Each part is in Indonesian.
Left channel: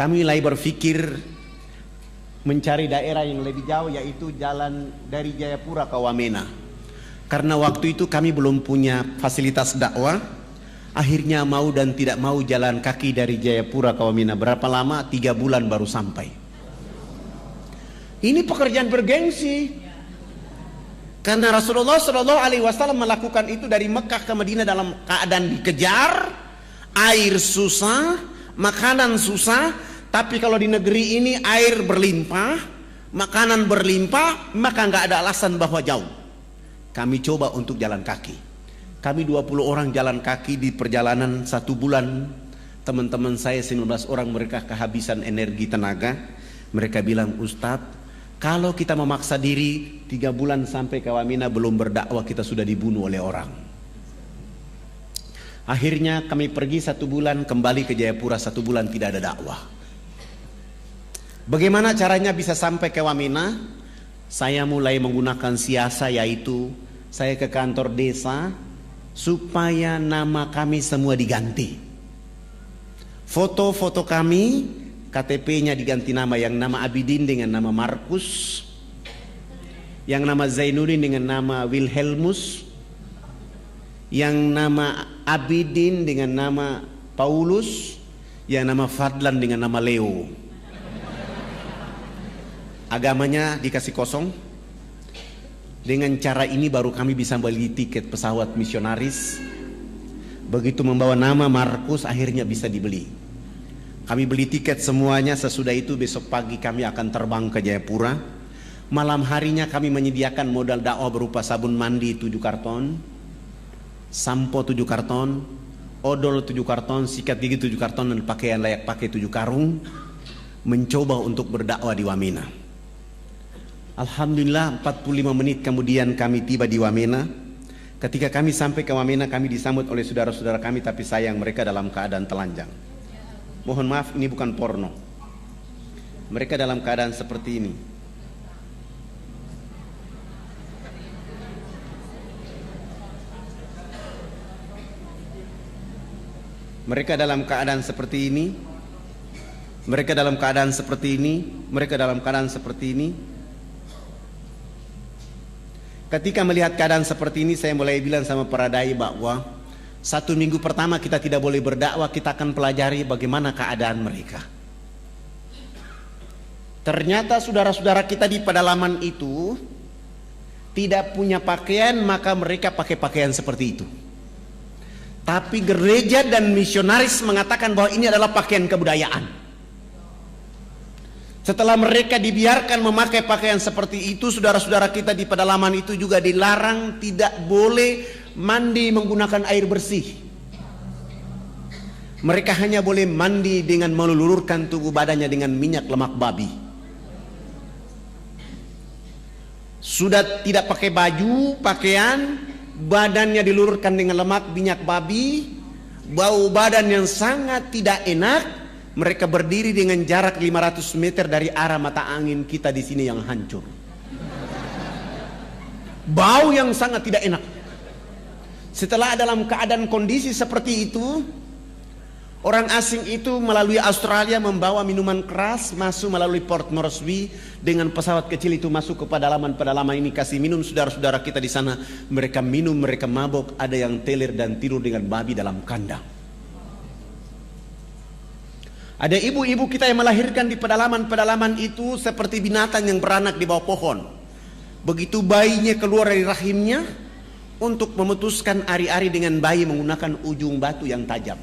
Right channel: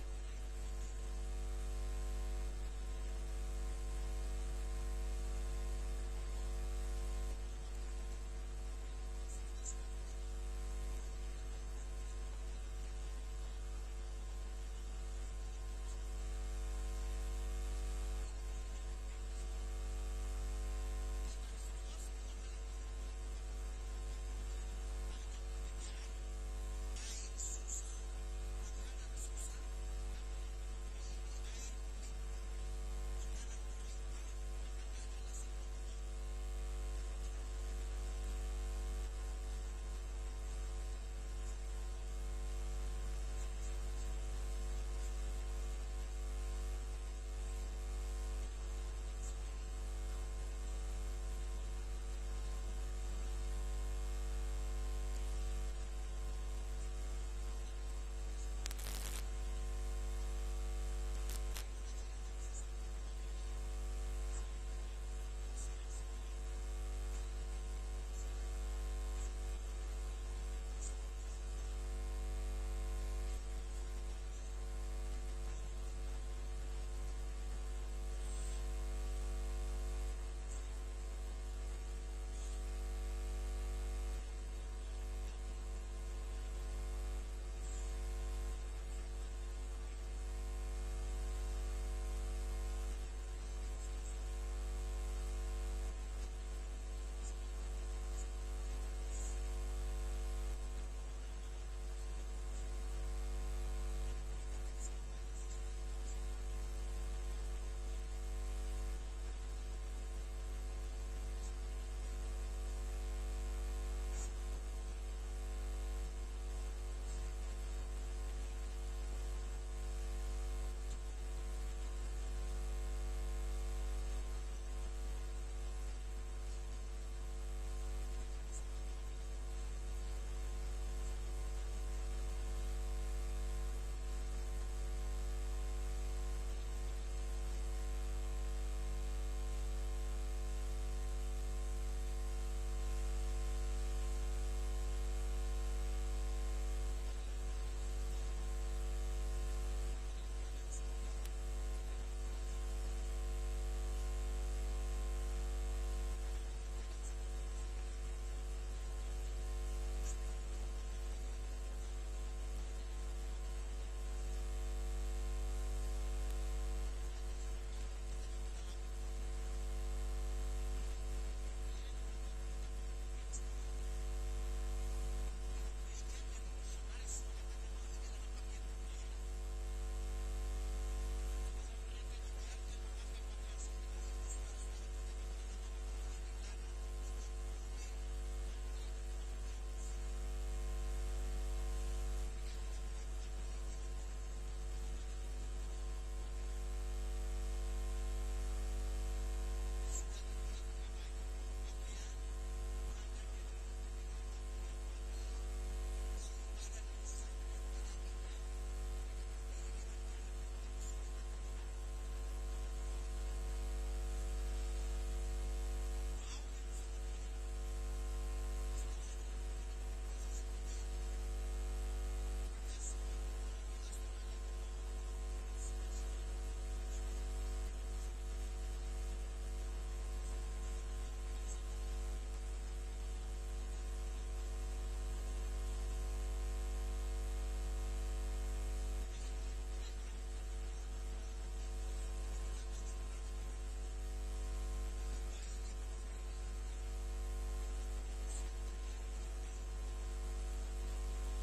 kami mulai berpikir mencari daerah yang lebih jauh, yaitu jalan dari Jayapura ke Wamena. Karena waktu itu kami belum punya fasilitas dakwah, akhirnya mau dan tidak mau jalan kaki dari Jayapura ke Wamena. Berapa lama? 3 bulan baru sampai. Ini pekerjaan bergengsi, karena Rasulullah SAW melakukan itu dari Mekah ke Madinah dalam keadaan dikejar, air susah, makanan susah. Tapi kalau di negeri ini air berlimpah, makanan berlimpah, maka nggak ada alasan bahwa jauh. Kami coba untuk jalan kaki. Kami 20 orang jalan kaki di perjalanan 1 bulan. Teman-teman saya 19 orang, mereka kehabisan energi tenaga. Mereka bilang, Ustadz, kalau kita memaksa diri 3 bulan sampai ke Wamena belum berdakwah, kita sudah dibunuh oleh orang. Akhirnya kami pergi 1 bulan, kembali ke Jayapura 1 bulan, tidak ada dakwah. Bagaimana caranya bisa sampai ke Wamena? Saya mulai menggunakan siasa, yaitu saya ke kantor desa supaya nama kami semua diganti. Foto-foto kami, KTP-nya diganti nama, yang nama Abidin dengan nama Markus, yang nama Zainuddin dengan nama Wilhelmus, yang nama Abidin dengan nama Paulus, yang nama Fadlan dengan nama Leo. Agamanya dikasih kosong. Dengan cara ini baru kami bisa beli tiket pesawat misionaris. Begitu membawa nama Markus, akhirnya bisa dibeli. Kami beli tiket semuanya. Sesudah itu besok pagi kami akan terbang ke Jayapura. Malam harinya kami menyediakan modal dakwah berupa sabun mandi 7 karton, sampo 7 karton, odol 7 karton, sikat gigi 7 karton, dan pakaian layak pakai 7 karung. Mencoba untuk berdakwah di Wamena. Alhamdulillah 45 menit kemudian kami tiba di Wamena. Ketika kami sampai ke Wamena, kami disambut oleh saudara-saudara kami, tapi sayang mereka dalam keadaan telanjang. Mohon maaf, ini bukan porno. Mereka dalam keadaan seperti ini. Mereka dalam keadaan seperti ini. Mereka dalam keadaan seperti ini. Mereka dalam keadaan seperti ini. Ketika melihat keadaan seperti ini, saya mulai bilang sama para dai bahwa 1 minggu pertama kita tidak boleh berdakwah, kita akan pelajari bagaimana keadaan mereka. Ternyata saudara-saudara kita di pedalaman itu tidak punya pakaian, maka mereka pakai pakaian seperti itu. Tapi gereja dan misionaris mengatakan bahwa ini adalah pakaian kebudayaan. Setelah mereka dibiarkan memakai pakaian seperti itu, saudara-saudara kita di pedalaman itu juga dilarang tidak boleh mandi menggunakan air bersih. Mereka hanya boleh mandi dengan melulurkan tubuh badannya dengan minyak lemak babi. Sudah tidak pakai baju, pakaian, badannya dilulurkan dengan lemak minyak babi, bau badan yang sangat tidak enak. Mereka berdiri dengan jarak 500 meter dari arah mata angin kita di sini yang hancur. Bau yang sangat tidak enak. Setelah dalam keadaan kondisi seperti itu, orang asing itu melalui Australia membawa minuman keras masuk melalui Port Moresby dengan pesawat kecil itu masuk ke pedalaman-pedalaman ini, kasih minum saudara-saudara kita di sana. Mereka minum, mereka mabok, ada yang teler dan tidur dengan babi dalam kandang. Ada ibu-ibu kita yang melahirkan di pedalaman-pedalaman itu seperti binatang yang beranak di bawah pohon. Begitu bayinya keluar dari rahimnya, untuk memutuskan ari-ari dengan bayi menggunakan ujung batu yang tajam.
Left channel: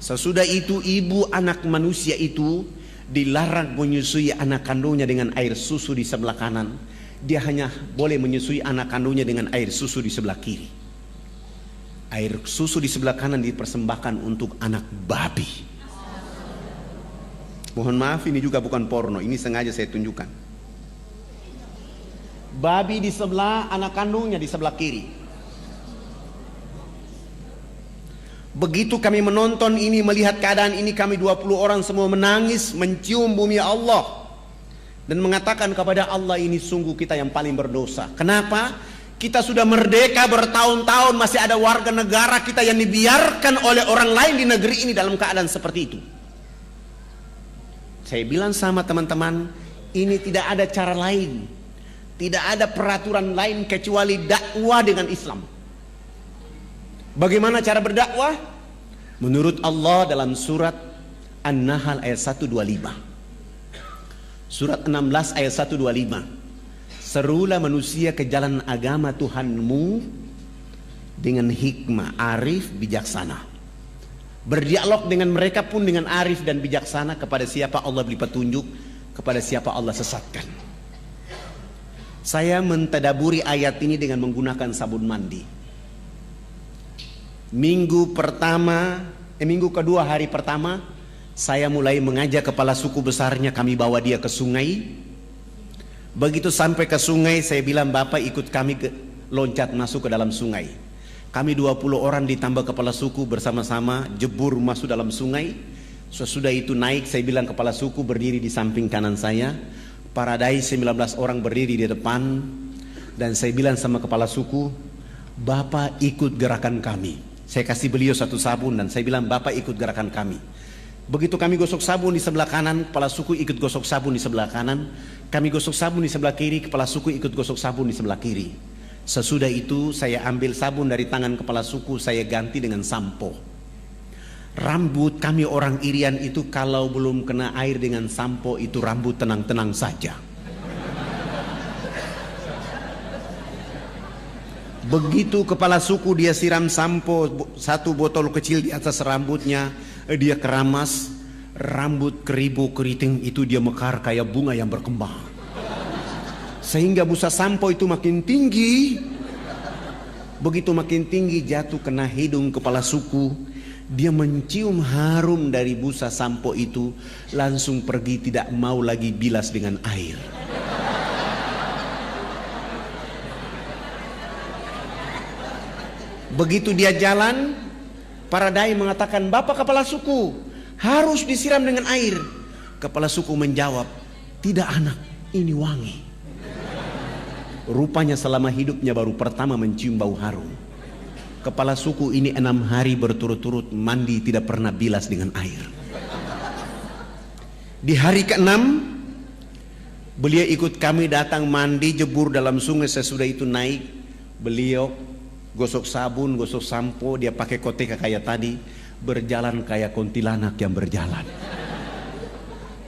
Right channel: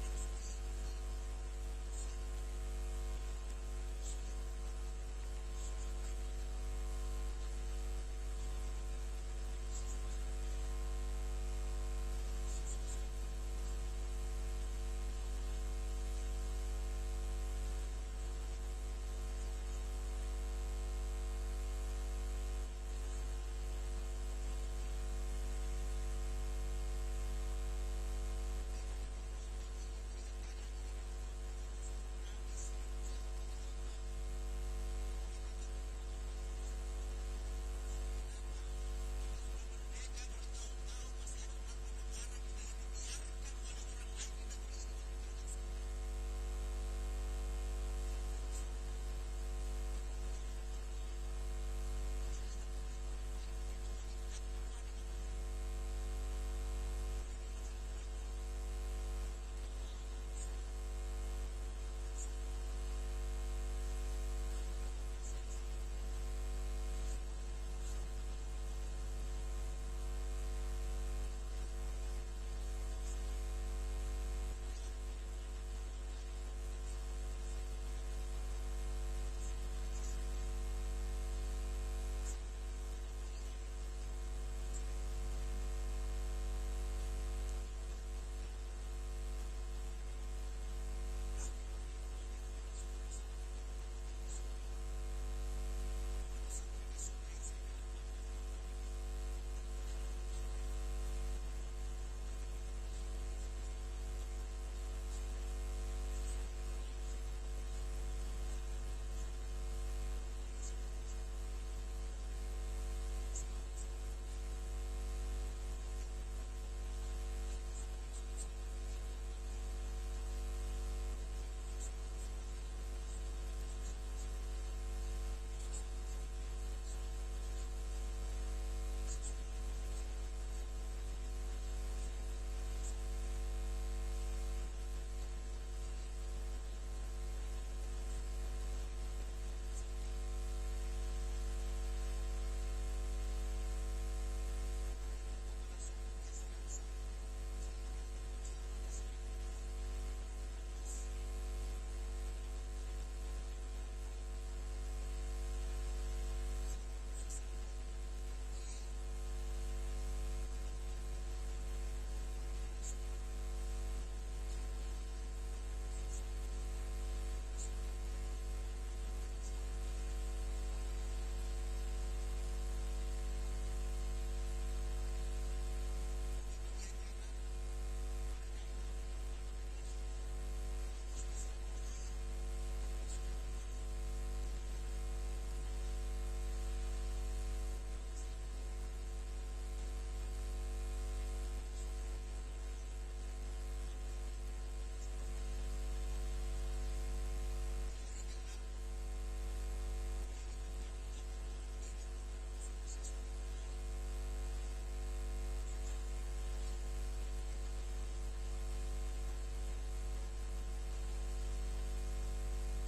Sesudah itu ibu anak manusia itu dilarang menyusui anak kandungnya dengan air susu di sebelah kanan. Dia hanya boleh menyusui anak kandungnya dengan air susu di sebelah kiri. Air susu di sebelah kanan dipersembahkan untuk anak babi. Mohon maaf, ini juga bukan porno, ini sengaja saya tunjukkan. Babi di sebelah, anak kandungnya di sebelah kiri. Begitu kami menonton ini, melihat keadaan ini, kami 20 orang semua menangis, mencium bumi Allah dan mengatakan kepada Allah, ini sungguh kita yang paling berdosa. Kenapa? Kita sudah merdeka bertahun-tahun, masih ada warga negara kita yang dibiarkan oleh orang lain di negeri ini dalam keadaan seperti itu. Saya bilang sama teman-teman, ini tidak ada cara lain, tidak ada peraturan lain kecuali dakwah dengan Islam. Bagaimana cara berdakwah? Menurut Allah dalam surat An-Nahl ayat 125. Surat 16 ayat 125. Serulah manusia ke jalan agama Tuhanmu dengan hikmah, arif, bijaksana. Berdialog dengan mereka pun dengan arif dan bijaksana. Kepada siapa Allah beri petunjuk, kepada siapa Allah sesatkan. Saya mentadaburi ayat ini dengan menggunakan sabun mandi. Minggu kedua hari pertama, saya mulai mengajak kepala suku besarnya, kami bawa dia ke sungai. Begitu sampai ke sungai, saya bilang, Bapak ikut kami loncat masuk ke dalam sungai. Kami 20 orang ditambah kepala suku bersama-sama jebur masuk dalam sungai. Sesudah itu naik, saya bilang kepala suku berdiri di samping kanan saya, para dai 19 orang berdiri di depan. Dan saya bilang sama kepala suku, Bapak ikut gerakan kami. Saya kasih beliau satu sabun dan saya bilang, Bapak ikut gerakan kami. Begitu kami gosok sabun di sebelah kanan, kepala suku ikut gosok sabun di sebelah kanan. Kami gosok sabun di sebelah kiri, kepala suku ikut gosok sabun di sebelah kiri. Sesudah itu saya ambil sabun dari tangan kepala suku, saya ganti dengan sampo. Rambut kami orang Irian itu kalau belum kena air dengan sampo itu rambut tenang-tenang saja. Begitu kepala suku dia siram sampo, satu botol kecil di atas rambutnya, dia keramas, rambut keribu keriting itu dia mekar kayak bunga yang berkembang. Sehingga busa sampo itu makin tinggi. Begitu makin tinggi jatuh kena hidung kepala suku. Dia mencium harum dari busa sampo itu, langsung pergi, tidak mau lagi bilas dengan air. Begitu dia jalan, para dai mengatakan, Bapak kepala suku, harus disiram dengan air. Kepala suku menjawab, tidak anak, ini wangi. Rupanya selama hidupnya baru pertama mencium bau harum. Kepala suku ini 6 hari berturut-turut mandi tidak pernah bilas dengan air. Di hari ke-6 beliau ikut kami datang mandi jebur dalam sungai. Sesudah itu naik, beliau gosok sabun, gosok sampo, dia pakai koteka kayak tadi, berjalan kayak kuntilanak yang berjalan.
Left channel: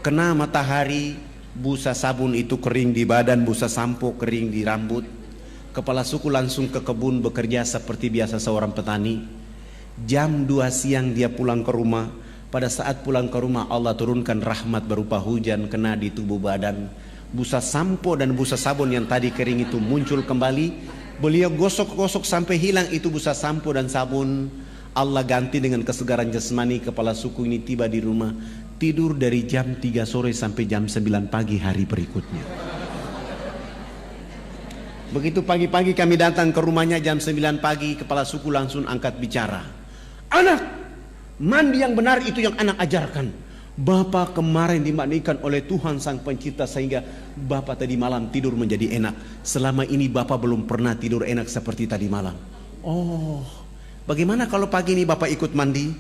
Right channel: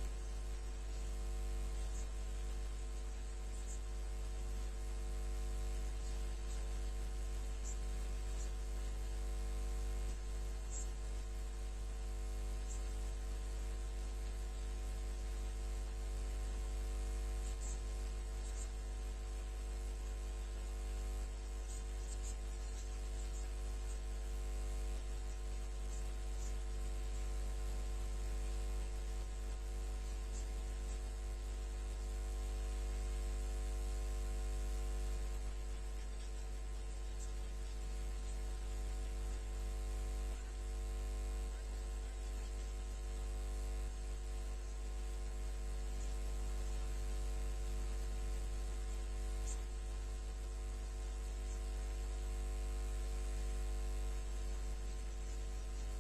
Kena matahari, busa sabun itu kering di badan, busa sampo kering di rambut. Kepala suku langsung ke kebun bekerja seperti biasa seorang petani. Jam 2 siang dia pulang ke rumah. Pada saat pulang ke rumah Allah turunkan rahmat berupa hujan kena di tubuh badan. Busa sampo dan busa sabun yang tadi kering itu muncul kembali. Beliau gosok-gosok sampai hilang itu busa sampo dan sabun. Allah ganti dengan kesegaran jasmani. Kepala suku ini tiba di rumah, tidur dari jam 3 sore sampai jam 9 pagi hari berikutnya. Begitu pagi-pagi kami datang ke rumahnya jam 9 pagi, kepala suku langsung angkat bicara. Anak, mandi yang benar itu yang anak ajarkan. Bapak kemarin dimandikan oleh Tuhan Sang Pencipta sehingga Bapak tadi malam tidur menjadi enak. Selama ini Bapak belum pernah tidur enak seperti tadi malam. Oh, bagaimana kalau pagi ini Bapak ikut mandi?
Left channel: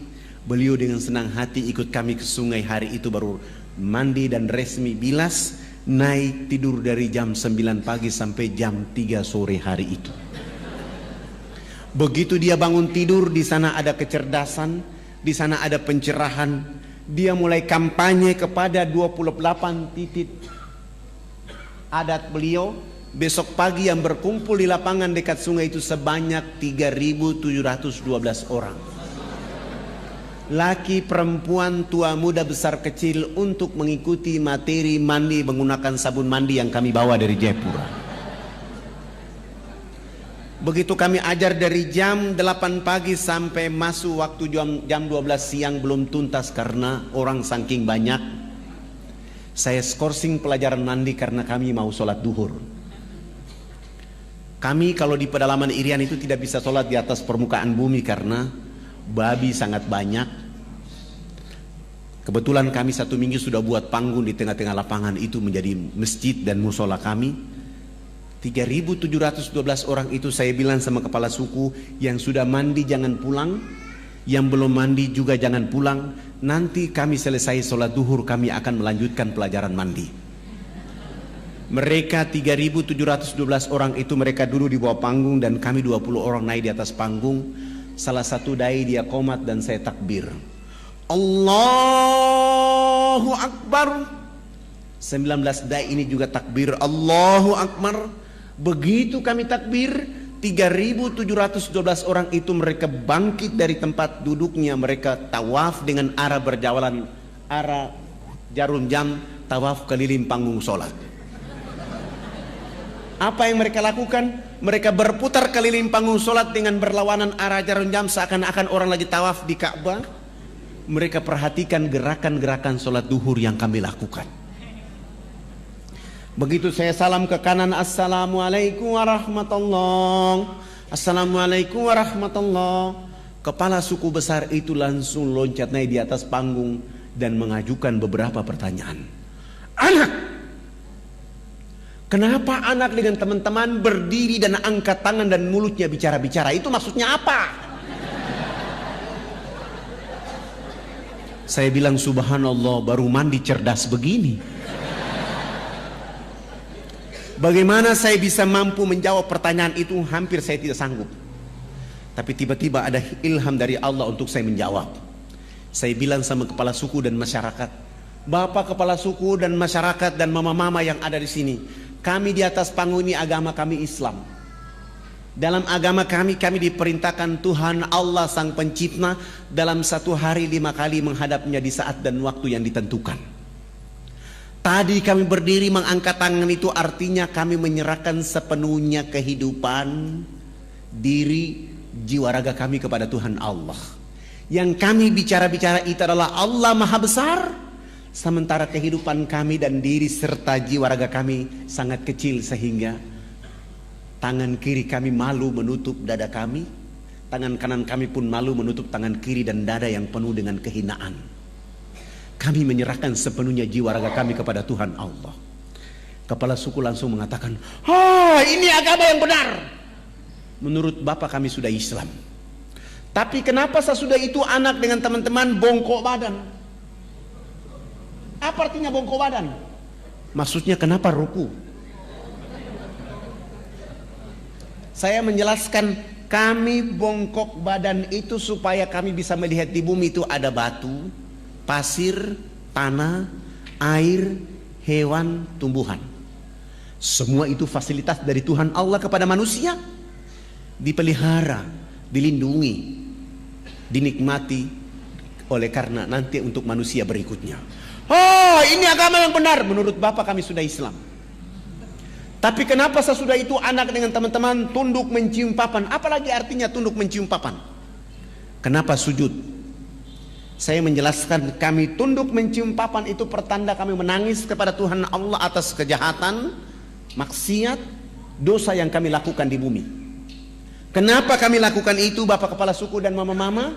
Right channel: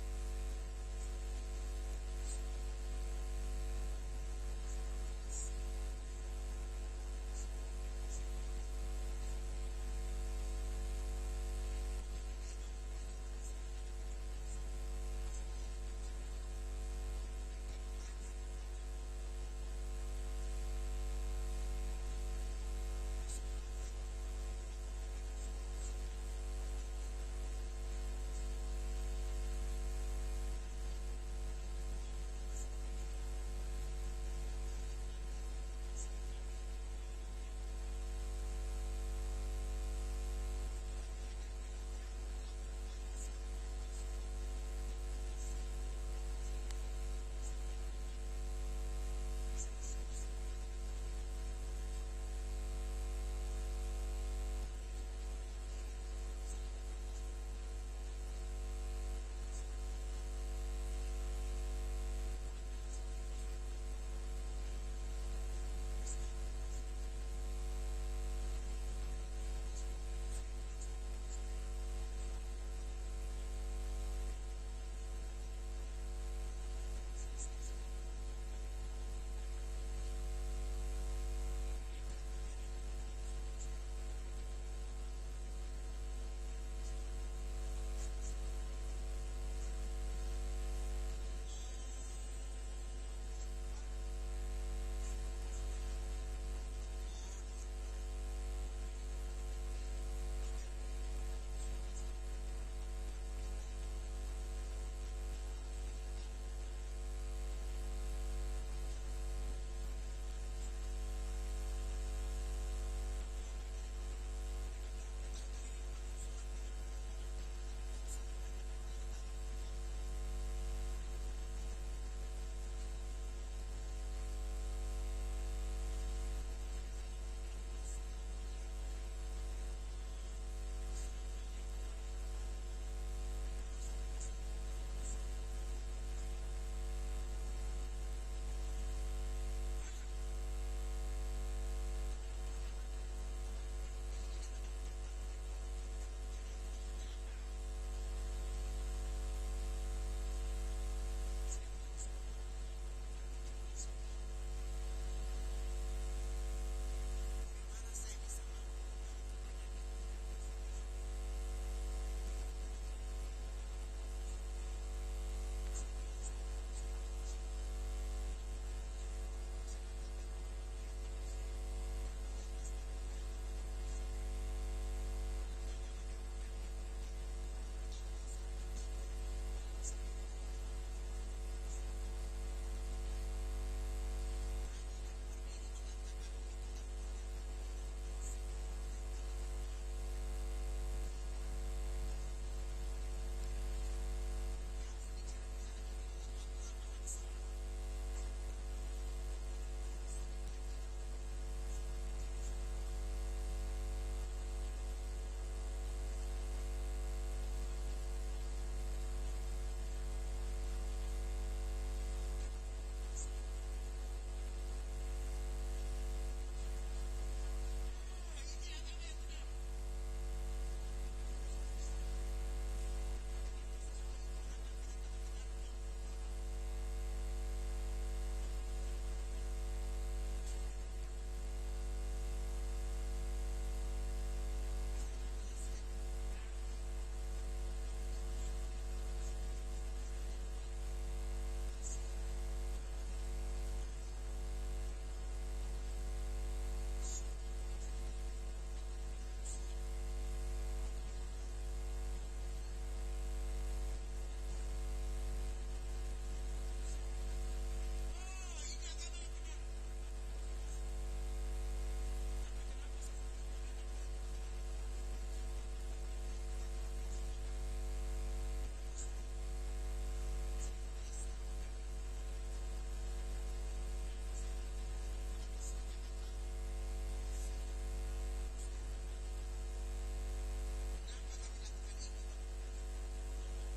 Beliau dengan senang hati ikut kami ke sungai. Hari itu baru mandi dan resmi bilas, naik tidur dari jam 9 pagi sampai jam 3 sore hari itu. Begitu dia bangun tidur, di sana ada kecerdasan, di sana ada pencerahan. Dia mulai kampanye kepada 28 titik adat beliau. Besok pagi yang berkumpul di lapangan dekat sungai itu sebanyak 3.712 orang. Laki, perempuan, tua, muda, besar, kecil untuk mengikuti materi mandi menggunakan sabun mandi yang kami bawa dari Jayapura. Begitu kami ajar dari jam 8 pagi sampai masuk waktu jam 12 siang belum tuntas karena orang saking banyak. Saya skorsing pelajaran mandi karena kami mau sholat duhur. Kami kalau di pedalaman Irian itu tidak bisa sholat di atas permukaan bumi karena babi sangat banyak. Kebetulan kami 1 minggu sudah buat panggung di tengah-tengah lapangan itu menjadi masjid dan musola kami. 3.712 orang itu saya bilang sama kepala suku yang sudah mandi jangan pulang. Yang belum mandi juga jangan pulang. Nanti kami selesai sholat duhur, kami akan melanjutkan pelajaran mandi. Mereka 3.712 orang itu mereka duduk di bawah panggung dan kami 20 orang naik di atas panggung. Salah satu dai dia qomat dan saya takbir. Allahu Akbar. 19 dai ini juga takbir Allahu Akbar. Begitu kami takbir, 3.712 orang itu mereka bangkit dari tempat duduknya, mereka tawaf dengan arah berjalan, arah jarum jam, tawaf keliling panggung sholat. Apa yang mereka lakukan? Mereka berputar keliling panggung sholat dengan berlawanan arah jarum jam seakan-akan orang lagi tawaf di Ka'bah. Mereka perhatikan gerakan-gerakan sholat duhur yang kami lakukan. Begitu saya salam ke kanan, Assalamualaikum warahmatullahi, Assalamualaikum warahmatullahi. Kepala suku besar itu langsung loncat naik di atas panggung dan mengajukan beberapa pertanyaan. Anak, kenapa anak dengan teman-teman berdiri dan angkat tangan dan mulutnya bicara-bicara? Itu maksudnya apa? Saya bilang subhanallah, baru mandi cerdas begini. Bagaimana saya bisa mampu menjawab pertanyaan itu? Hampir saya tidak sanggup. Tapi tiba-tiba ada ilham dari Allah untuk saya menjawab. Saya bilang sama kepala suku dan masyarakat, Bapak kepala suku dan masyarakat dan mama-mama yang ada di sini, kami di atas panggung ini agama kami Islam. Dalam agama kami diperintahkan Tuhan Allah Sang Pencipta dalam satu hari 5 kali menghadapnya di saat dan waktu yang ditentukan. Tadi kami berdiri mengangkat tangan itu artinya kami menyerahkan sepenuhnya kehidupan, diri, jiwa raga kami kepada Tuhan Allah. Yang kami bicara-bicara itu adalah Allah Maha Besar, sementara kehidupan kami dan diri serta jiwa raga kami sangat kecil sehingga tangan kiri kami malu menutup dada kami, tangan kanan kami pun malu menutup tangan kiri dan dada yang penuh dengan kehinaan. Kami menyerahkan sepenuhnya jiwa raga kami kepada Tuhan Allah. Kepala suku langsung mengatakan, ini agama yang benar. Menurut Bapak kami sudah Islam. Tapi kenapa sesudah itu anak dengan teman-teman bongkok badan? Apa artinya bongkok badan? Maksudnya kenapa ruku? Saya menjelaskan, kami bongkok badan itu supaya kami bisa melihat di bumi itu ada batu, pasir, tanah, air, hewan, tumbuhan. Semua itu fasilitas dari Tuhan Allah kepada manusia. Dipelihara, dilindungi, dinikmati oleh karena nanti untuk manusia berikutnya. Ini agama yang benar. Menurut Bapak kami sudah Islam. Tapi kenapa sesudah itu anak dengan teman-teman tunduk mencium papan? Apalagi artinya tunduk mencium papan? Kenapa sujud? Saya menjelaskan, kami tunduk mencium papan itu pertanda kami menangis kepada Tuhan Allah atas kejahatan, maksiat, dosa yang kami lakukan di bumi. Kenapa kami lakukan itu Bapak kepala suku dan mama-mama?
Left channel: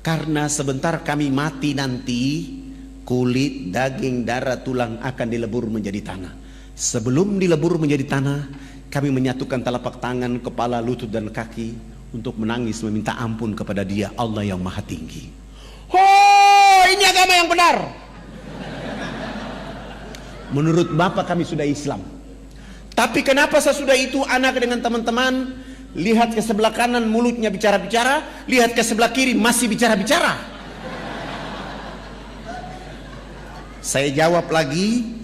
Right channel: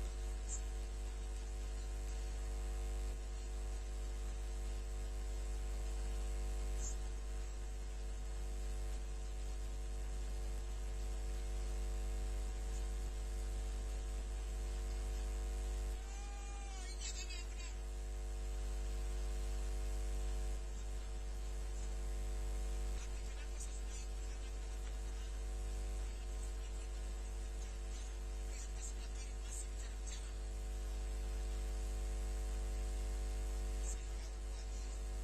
Karena sebentar kami mati nanti, kulit, daging, darah, tulang akan dilebur menjadi tanah. Sebelum dilebur menjadi tanah, kami menyatukan telapak tangan, kepala, lutut dan kaki untuk menangis meminta ampun kepada Dia Allah yang Maha Tinggi. Ini agama yang benar. Menurut Bapak kami sudah Islam. Tapi kenapa sesudah itu anak dengan teman-teman lihat ke sebelah kanan mulutnya bicara-bicara, lihat ke sebelah kiri masih bicara-bicara? Saya jawab lagi,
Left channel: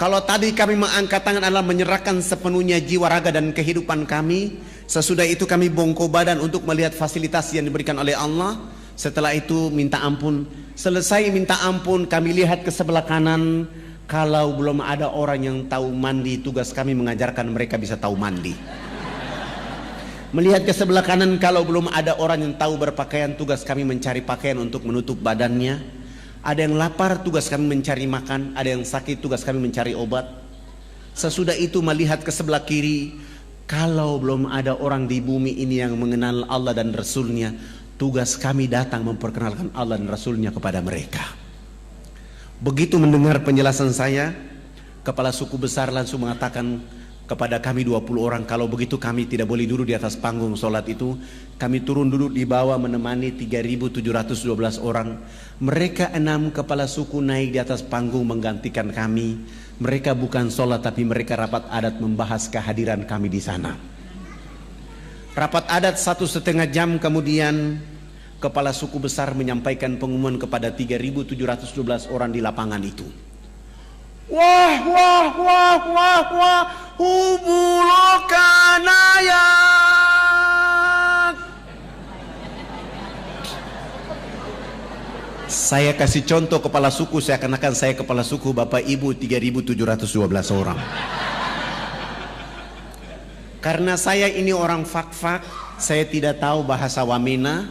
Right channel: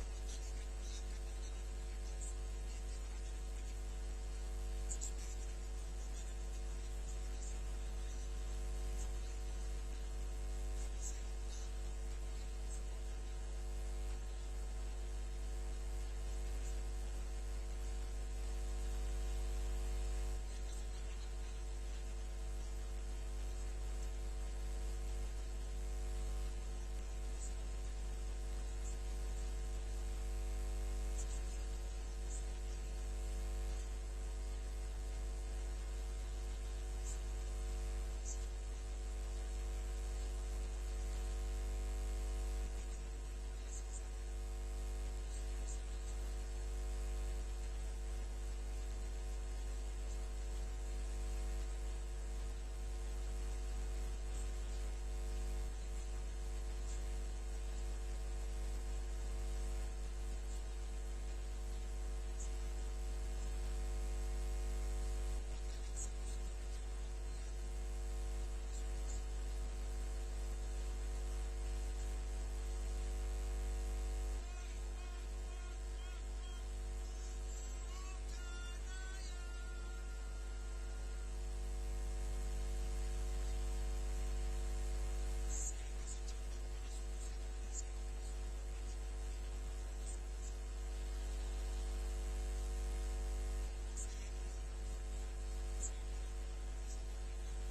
kalau tadi kami mengangkat tangan adalah menyerahkan sepenuhnya jiwa raga dan kehidupan kami, sesudah itu kami bongkok badan untuk melihat fasilitas yang diberikan oleh Allah. Setelah itu minta ampun. Selesai minta ampun, kami lihat ke sebelah kanan. Kalau belum ada orang yang tahu mandi, tugas kami mengajarkan mereka bisa tahu mandi. Melihat ke sebelah kanan, kalau belum ada orang yang tahu berpakaian, tugas kami mencari pakaian untuk menutup badannya. Ada yang lapar, tugas kami mencari makan. Ada yang sakit, tugas kami mencari obat. Sesudah itu melihat ke sebelah kiri, kalau belum ada orang di bumi ini yang mengenal Allah dan Rasulnya, tugas kami datang memperkenalkan Allah dan Rasulnya kepada mereka. Begitu mendengar penjelasan saya, kepala suku besar langsung mengatakan, kepada kami 20 orang, kalau begitu kami tidak boleh duduk di atas panggung sholat itu. Kami turun duduk di bawah menemani 3.712 orang. Mereka 6 kepala suku naik di atas panggung menggantikan kami. Mereka bukan sholat, tapi mereka rapat adat membahas kehadiran kami di sana. Rapat adat 1,5 jam kemudian, kepala suku besar menyampaikan pengumuman kepada 3.712 orang di lapangan itu. Wah, wah, wah, wah, wah, hubulokanaya. Saya kasih contoh kepala suku, seakan-akan saya kepala suku, Bapak Ibu 3.712 orang. Karena saya ini orang fak-fak, saya tidak tahu bahasa Wamena.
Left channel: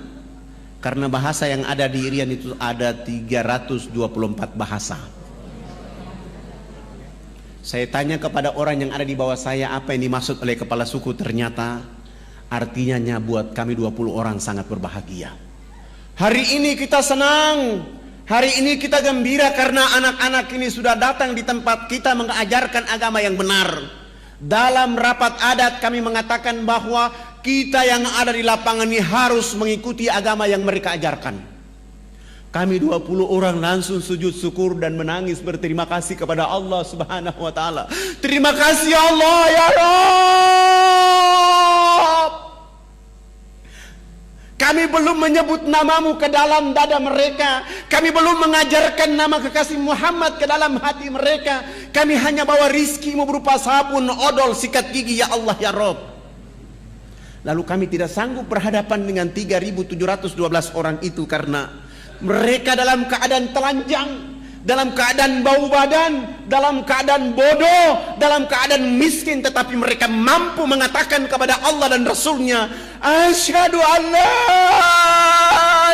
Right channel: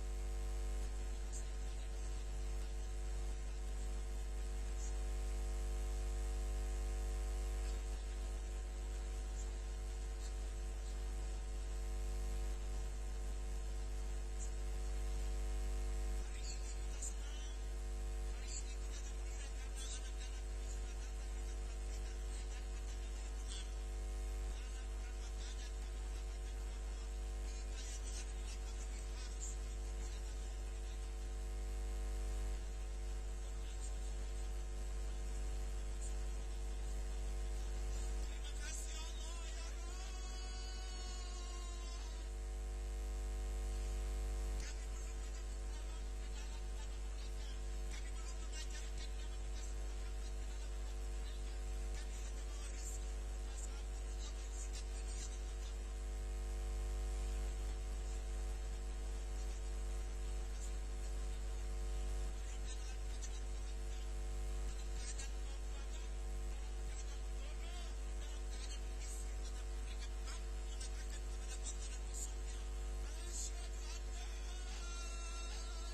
Karena bahasa yang ada di Irian itu ada 324 bahasa. Saya tanya kepada orang yang ada di bawah saya, apa yang dimaksud oleh kepala suku. Ternyata artinya buat kami 20 orang sangat berbahagia. Hari ini kita senang, hari ini kita gembira karena anak-anak ini sudah datang di tempat kita mengajarkan agama yang benar. Dalam rapat adat kami mengatakan bahwa kita yang ada di lapangan ini harus mengikuti agama yang mereka ajarkan. Kami 20 orang langsung sujud syukur dan menangis berterima kasih kepada Allah Subhanahu wa taala. Terima kasih Allah ya Rabb. Kami belum menyebut namamu ke dalam dada mereka. Kami belum mengajarkan nama kekasih Muhammad ke dalam hati mereka. Kami hanya bawa rizkimu berupa sabun, odol, sikat gigi ya Allah ya Rabb. Lalu kami tidak sanggup berhadapan dengan 3.712 orang itu karena mereka dalam keadaan telanjang, dalam keadaan bau badan, dalam keadaan bodoh, dalam keadaan miskin, tetapi mereka mampu mengatakan kepada Allah dan Rasulnya, asyhadu an la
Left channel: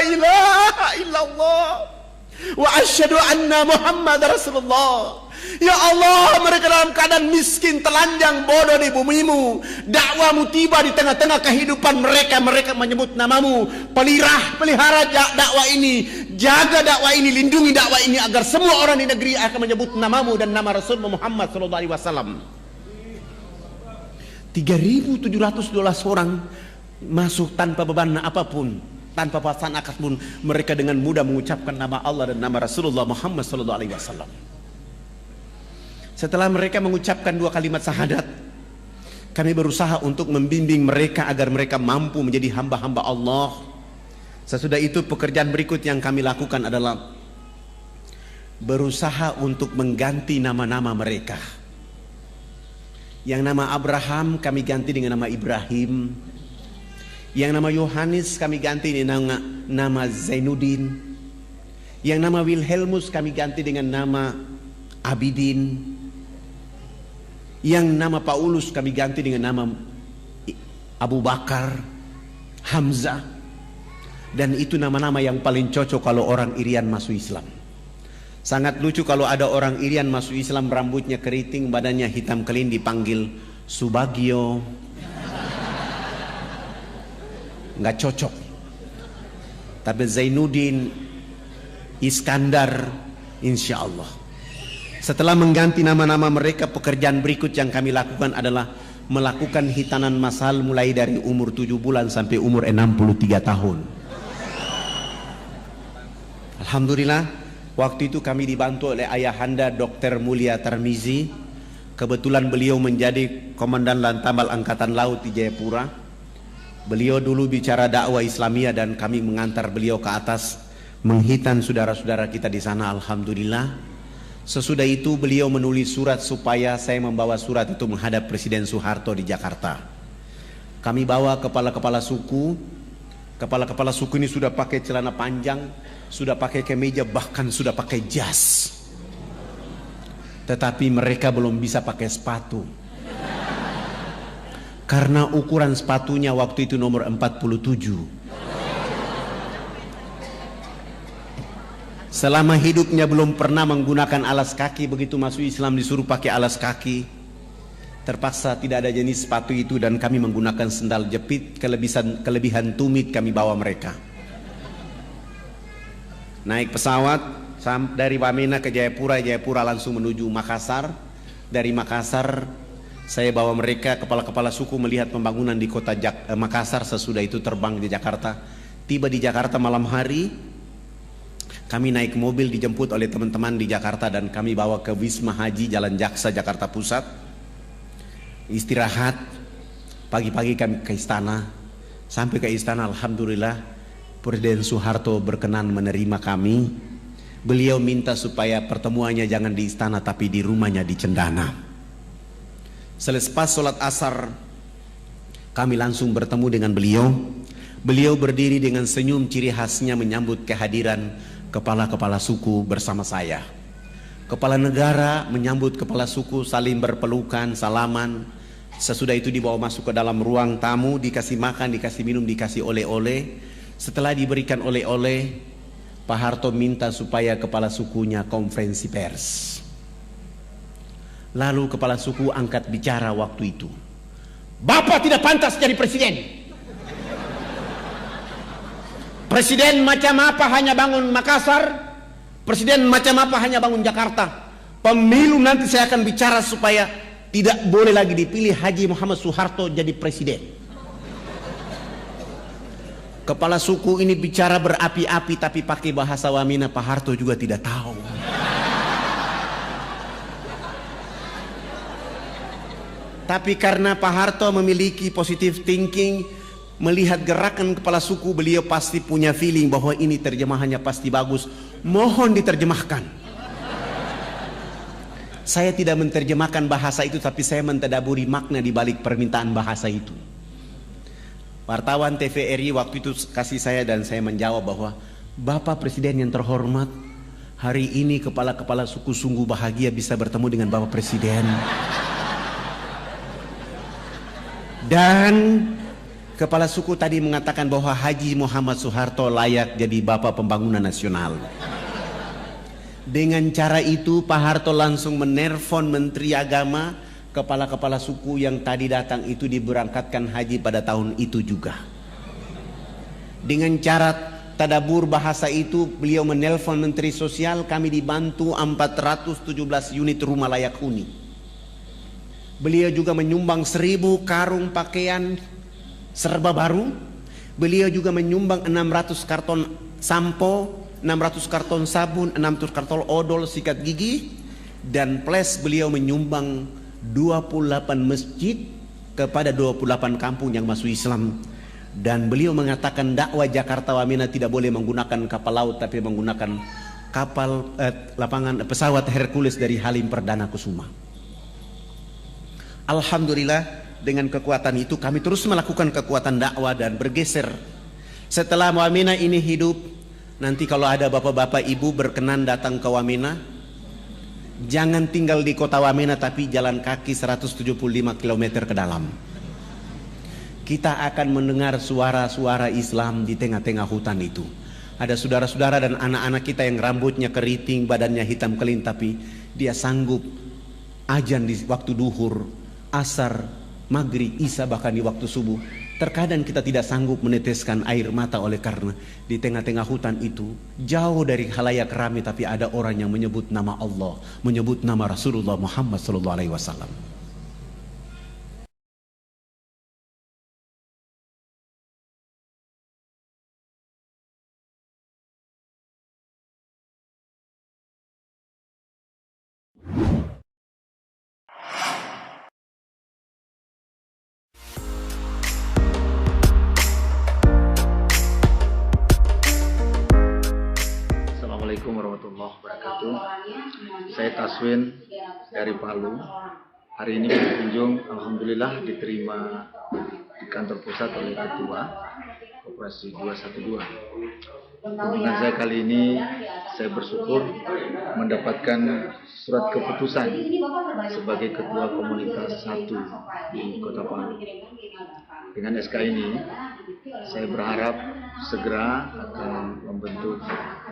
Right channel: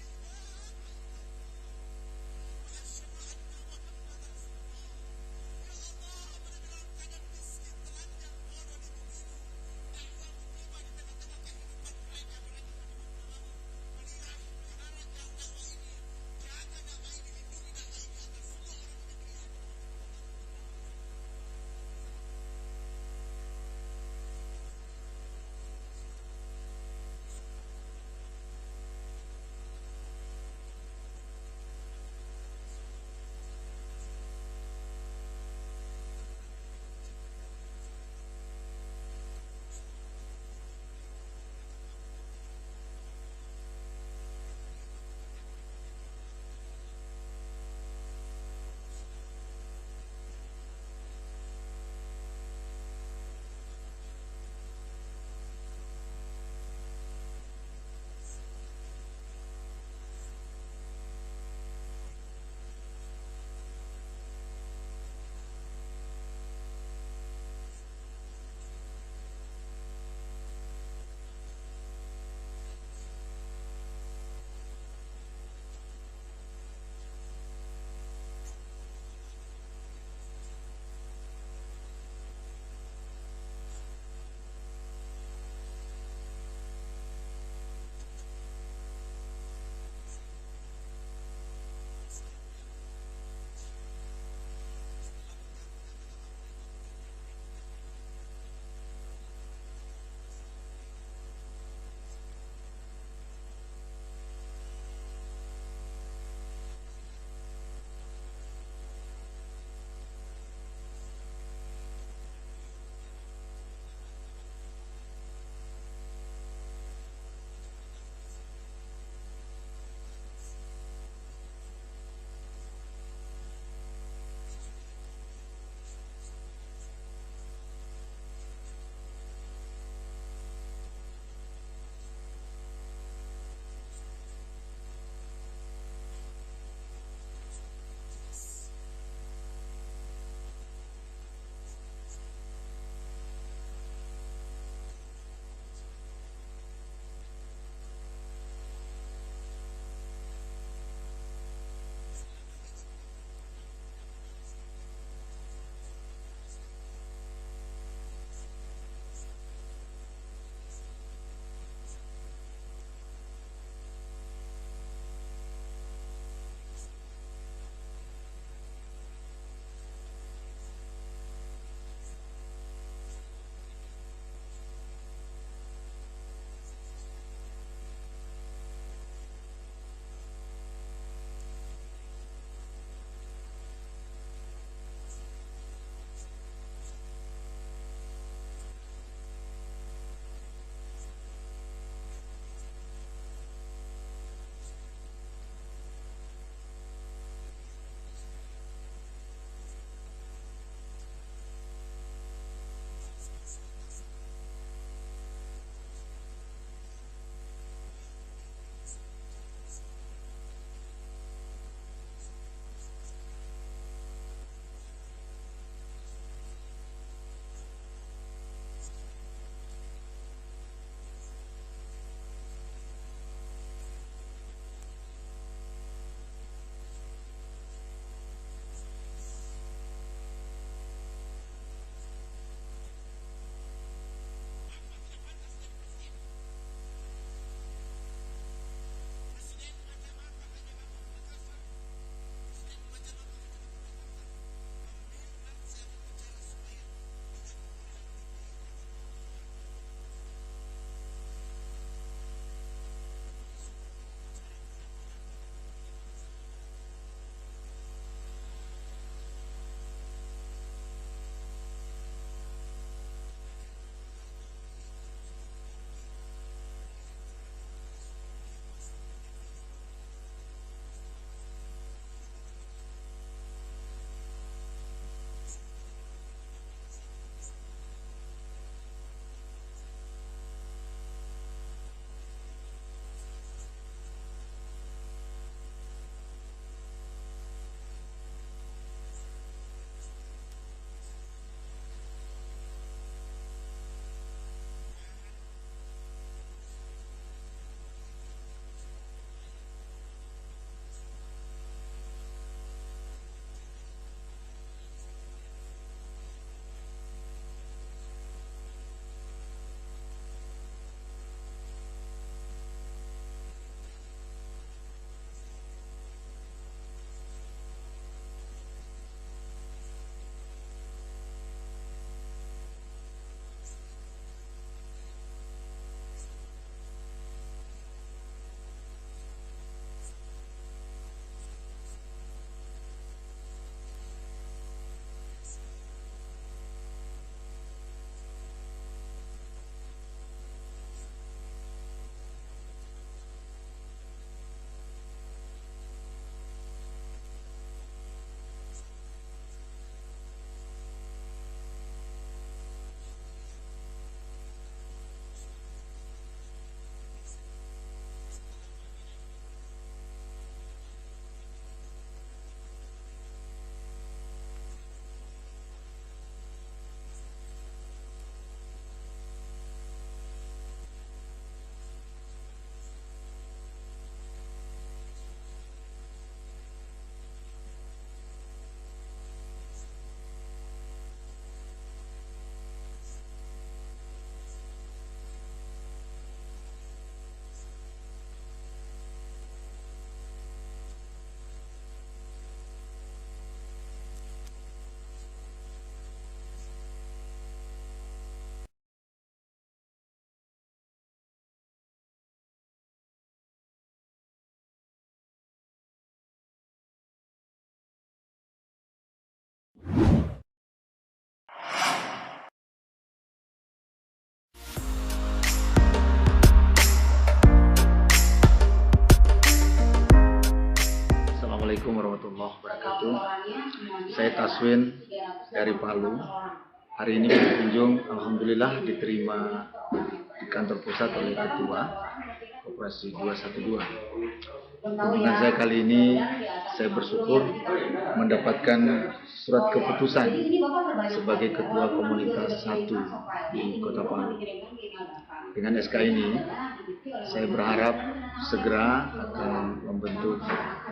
ilaha illallah wa asyhadu anna Muhammad Rasulullah. Ya Allah, mereka dalam keadaan miskin, telanjang, bodoh di bumimu. Dakwamu tiba di tengah-tengah kehidupan mereka. Mereka menyebut namamu. Pelihara dakwah ini, jaga dakwah ini, lindungi dakwah ini agar semua orang di negeri akan menyebut namamu dan nama Rasul Muhammad SAW. 3.712 orang masuk tanpa beban apapun, tanpa paksaan apapun. Mereka dengan mudah mengucapkan nama Allah dan nama Rasulullah Muhammad SAW. Setelah mereka mengucapkan 2 kalimat syahadat, kami berusaha untuk membimbing mereka agar mereka mampu menjadi hamba-hamba Allah. Sesudah itu pekerjaan berikut yang kami lakukan adalah berusaha untuk mengganti nama-nama mereka. Yang nama Abraham kami ganti dengan nama Ibrahim. Yang nama Yohanes kami ganti dengan nama Zainuddin. Yang nama Wilhelmus kami ganti dengan nama Abidin. Yang nama Paulus kami ganti dengan nama Abu Bakar, Hamzah. Dan itu nama-nama yang paling cocok kalau orang Irian masuk Islam. Sangat lucu kalau ada orang Irian masuk Islam, rambutnya keriting, badannya hitam kelin, dipanggil Subagio. Nggak cocok. Tapi Zainuddin, Iskandar, insya Allah. Setelah mengganti nama-nama mereka, pekerjaan berikut yang kami lakukan adalah melakukan hitanan masal mulai dari umur 7 bulan sampai umur 63 tahun. Alhamdulillah, waktu itu kami dibantu oleh ayahanda Dr. Mulia Tarmizi. Kebetulan beliau menjadi Komandan Lantamal Angkatan Laut di Jayapura. Beliau dulu bicara dakwah Islamiyah dan kami mengantar beliau ke atas menghitan saudara-saudara kita di sana. Alhamdulillah. Sesudah itu beliau menulis surat supaya saya membawa surat itu menghadap Presiden Soeharto di Jakarta. Kami bawa kepala-kepala suku. Kepala-kepala suku ini sudah pakai celana panjang, sudah pakai kemeja, bahkan sudah pakai jas. Tetapi mereka belum bisa pakai sepatu. Karena ukuran sepatunya waktu itu nomor 47. Selama hidupnya belum pernah menggunakan alas kaki, begitu masuk Islam disuruh pakai alas kaki. Terpaksa tidak ada jenis sepatu itu dan kami menggunakan sendal jepit. Kelebihan tumit kami bawa mereka. Naik pesawat dari Wamena ke Jayapura, Jayapura langsung menuju Makassar. Dari Makassar Saya bawa mereka, kepala-kepala suku, melihat pembangunan di kota Makassar. Sesudah itu terbang di Jakarta. Tiba di Jakarta malam hari, kami naik mobil dijemput oleh teman-teman di Jakarta dan kami bawa ke Wisma Haji Jalan Jaksa, Jakarta Pusat. Istirahat, pagi-pagi kami ke istana. Sampai ke istana, alhamdulillah Presiden Soeharto berkenan menerima kami. Beliau minta supaya pertemuannya jangan di istana tapi di rumahnya di Cendana. Selepas sholat asar, kami langsung bertemu dengan beliau. Beliau berdiri dengan senyum ciri khasnya menyambut kehadiran kepala-kepala suku bersama saya. Kepala negara menyambut kepala suku, saling berpelukan, salaman. Sesudah itu dibawa masuk ke dalam ruang tamu, dikasih makan, dikasih minum, dikasih oleh-oleh. Setelah diberikan oleh-oleh, Pak Harto minta supaya kepala sukunya konferensi pers. Lalu kepala suku angkat bicara waktu itu. Bapak tidak pantas jadi presiden. Presiden macam apa hanya bangun Makassar, presiden macam apa hanya bangun Jakarta. Pemilu nanti saya akan bicara supaya tidak boleh lagi dipilih Haji Muhammad Soeharto jadi presiden. Kepala suku ini bicara berapi-api tapi pakai bahasa Wamena. Pak Harto juga tidak tahu. Tapi karena Pak Harto memiliki positive thinking, melihat gerakan kepala suku, beliau pasti punya feeling bahwa ini terjemahannya pasti bagus. Mohon diterjemahkan. Saya tidak menerjemahkan bahasa itu, tapi saya mentadaburi makna di balik permintaan bahasa itu. Wartawan TVRI waktu itu kasih saya dan saya menjawab bahwa Bapak Presiden yang terhormat, hari ini kepala-kepala suku sungguh bahagia bisa bertemu dengan Bapak Presiden. Dan kepala suku tadi mengatakan bahwa Haji Muhammad Soeharto layak jadi Bapak Pembangunan Nasional. Dengan cara itu Pak Harto langsung menelpon Menteri Agama, kepala-kepala suku yang tadi datang itu diberangkatkan haji pada tahun itu juga. Dengan cara tadabur bahasa itu beliau menelpon Menteri Sosial, kami dibantu 417 unit rumah layak huni. Beliau juga menyumbang 1000 karung pakaian serba baru. Beliau juga menyumbang 600 karton sampo, 600 karton sabun, 600 karton odol sikat gigi. Dan plus beliau menyumbang 28 masjid kepada 28 kampung yang masuk Islam. Dan beliau mengatakan dakwah Jakarta Wamena tidak boleh menggunakan kapal laut tapi menggunakan kapal pesawat Hercules dari Halim Perdana Kusuma. Alhamdulillah dengan kekuatan itu kami terus melakukan kekuatan dakwah dan bergeser. Setelah Wamena ini hidup, nanti kalau ada bapak-bapak ibu berkenan datang ke Wamena, jangan tinggal di kota Wamena tapi jalan kaki 175 km ke dalam. Kita akan mendengar suara-suara Islam di tengah-tengah hutan itu. Ada saudara-saudara dan anak-anak kita yang rambutnya keriting, badannya hitam kelin, tapi dia sanggup ajan di waktu duhur, asar, maghrib, isya, bahkan di waktu subuh. Terkadang kita tidak sanggup meneteskan air mata oleh karena di tengah-tengah hutan itu jauh dari khalayak ramai, tapi ada orang yang menyebut nama Allah, menyebut nama Rasulullah Muhammad SAW. Assalamualaikum warahmatullahi wabarakatuh. Saya Taswin dari Palu. Hari ini berkunjung, alhamdulillah diterima di kantor pusat oleh Ketua Koperasi 212. Kunjungan saya kali ini, saya bersyukur mendapatkan surat keputusan sebagai Ketua Komunitas 1 di Kota Palu. Dengan SK ini, saya berharap segera akan membentuk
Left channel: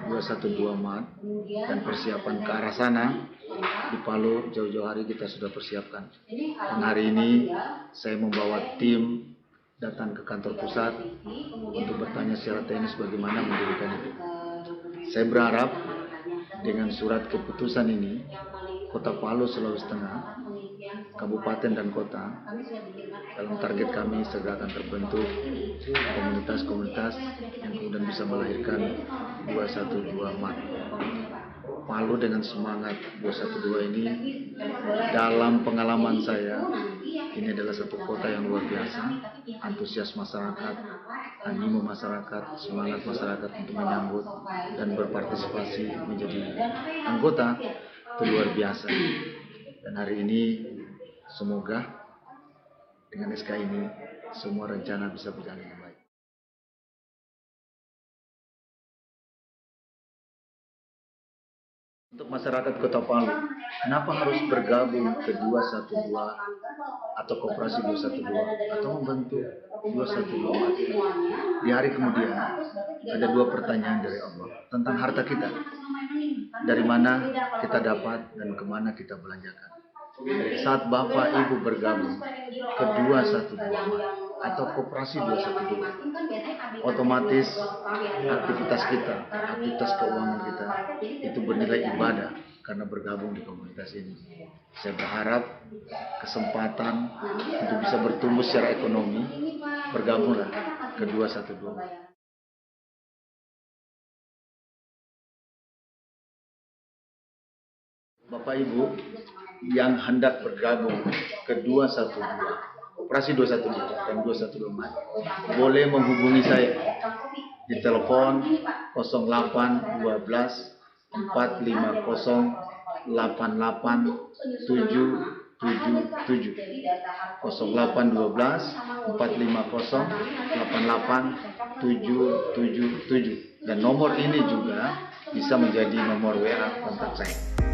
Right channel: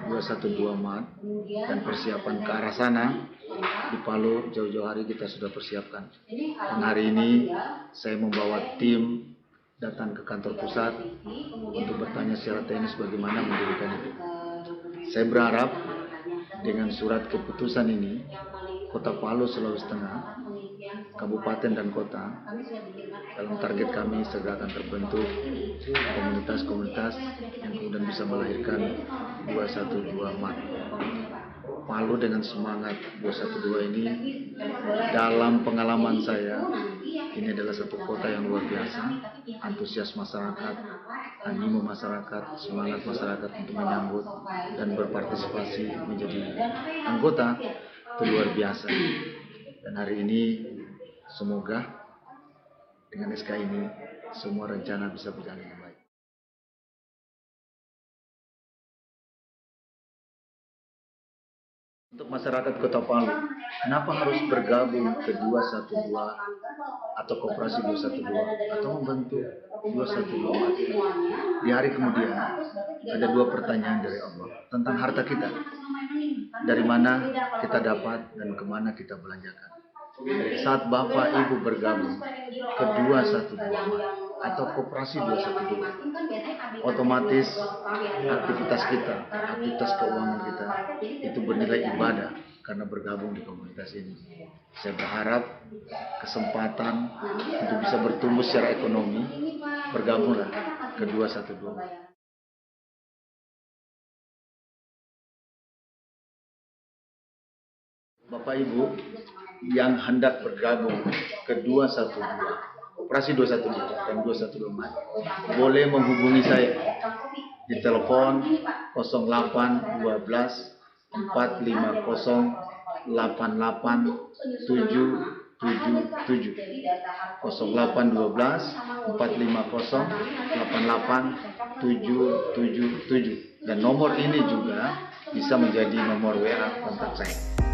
212 MAD dan persiapan ke arah sana. Di Palu jauh-jauh hari kita sudah persiapkan. Dan hari ini saya membawa tim datang ke kantor pusat untuk bertanya secara teknis bagaimana mendirikan itu. Saya berharap dengan surat keputusan ini, Kota Palu, Sulawesi Tengah kabupaten dan kota. Dalam target kami segera akan terbentuk komunitas-komunitas yang kemudian bisa melahirkan 212 MAT. Palu dengan semangat 212 ini, dalam pengalaman saya, ini adalah satu kota yang luar biasa. Antusias masyarakat, animo masyarakat, semangat masyarakat untuk menyambut dan berpartisipasi menjadi anggota itu luar biasa. Dan hari ini semoga dengan SK ini semua rencana bisa berjalan dengan baik. Untuk masyarakat Kota Palu, kenapa harus bergabung ke 212 atau Koperasi 212 atau membentuk 212? Di hari kemudian ada dua pertanyaan dari Allah tentang harta kita. Dari mana kita dapat dan kemana kita belanjakan. Saat Bapak Ibu bergabung ke 212 atau Koperasi 212, otomatis aktivitas kita, aktivitas keuangan kita itu bernilai ibadah karena bergabung di komunitas ini. Saya berharap kesempatan untuk bisa bertumbuh secara ekonomi, bergabunglah ke 212. Bapak Ibu yang hendak bergabung ke 212, Koperasi 212 dan 212 boleh menghubungi saya di telepon 0812 450 88777 0812 450 88777 dan nomor ini juga bisa menjadi nomor WA kontak saya.